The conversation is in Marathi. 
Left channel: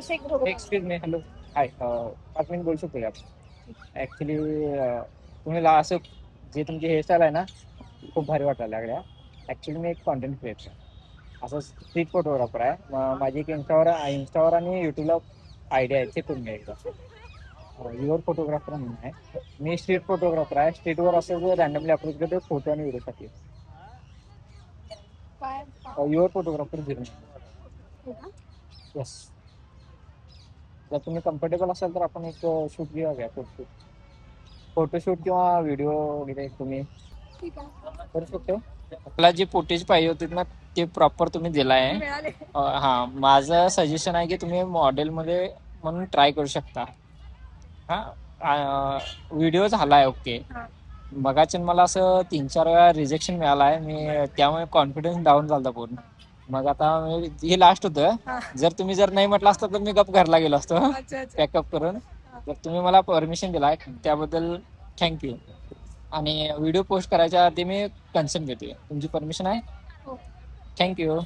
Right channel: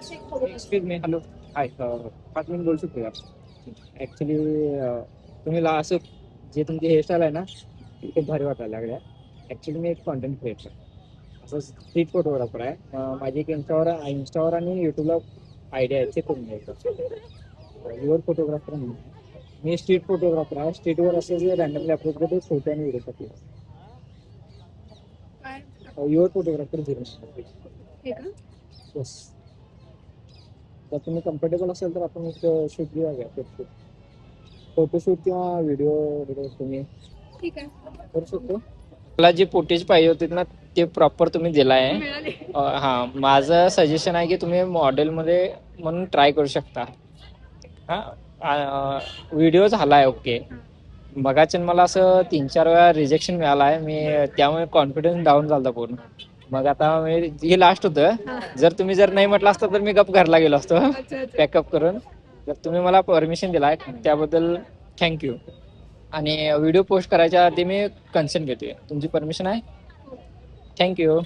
एक्सक्यूज मी, हॅलो, हाय, 5 मिनिट बोलू शकतो का? ऍक्च्युली तुम्ही असं जे तुमची हेअरस्टाईल आहे ना ती खूप भारी वाटायला लागल्या. ऍक्च्युली मी एक कॉन्टेंट क्रिएटर असं स्ट्रीट फोटोग्राफर आहे. माझी एक इंस्टावर आणि युट्यूबला आयडिया आहे, ते तुम्ही एकदा युअर फोटोग्राफर म्हणून आहे. मी स्ट्रीट फोटोग्राफर आहे. स्ट्रीटवर असं जे रॅन्डमली अप्रोच करतो फोटो आणि व्हिडिओसाठी. Your photographer 0. येस, जर तुम्ही कम्फर्टेबल असाल तर आपण एक शूट घेऊया, फोटोशूट किंवा व्हिडिओ वगैरे तुम्ही ठीक आहे, करू शकतो. आपला जे फुटेज पाहिजे होते ना ते प्रॉपर तुम्ही दिलाय. मिळाले. हा, माझं सजेशन आहे की तुम्ही मॉडेलमध्ये म्हणून ट्राय करू शकता. हा, व्हिडिओ झालाय ओके. मगाच मला असं 3-4 वेळा रिजेक्शन मिळालं आहे. मी त्यामुळे कॉन्फिडन्स डाऊन झाला पूर्ण. मग आता हे लास्ट होतं. जर नाही म्हटलं असतं तर मी गप घरला गेलो असतो पॅकअप करून. तर तुम्ही मला परमिशन दिलाय त्याबद्दल थँक्यू. आणि व्हिडिओ पोस्ट करायच्या आधी मी कन्सेंट घेतोय. तुमची परमिशन आहे? थँक्यू.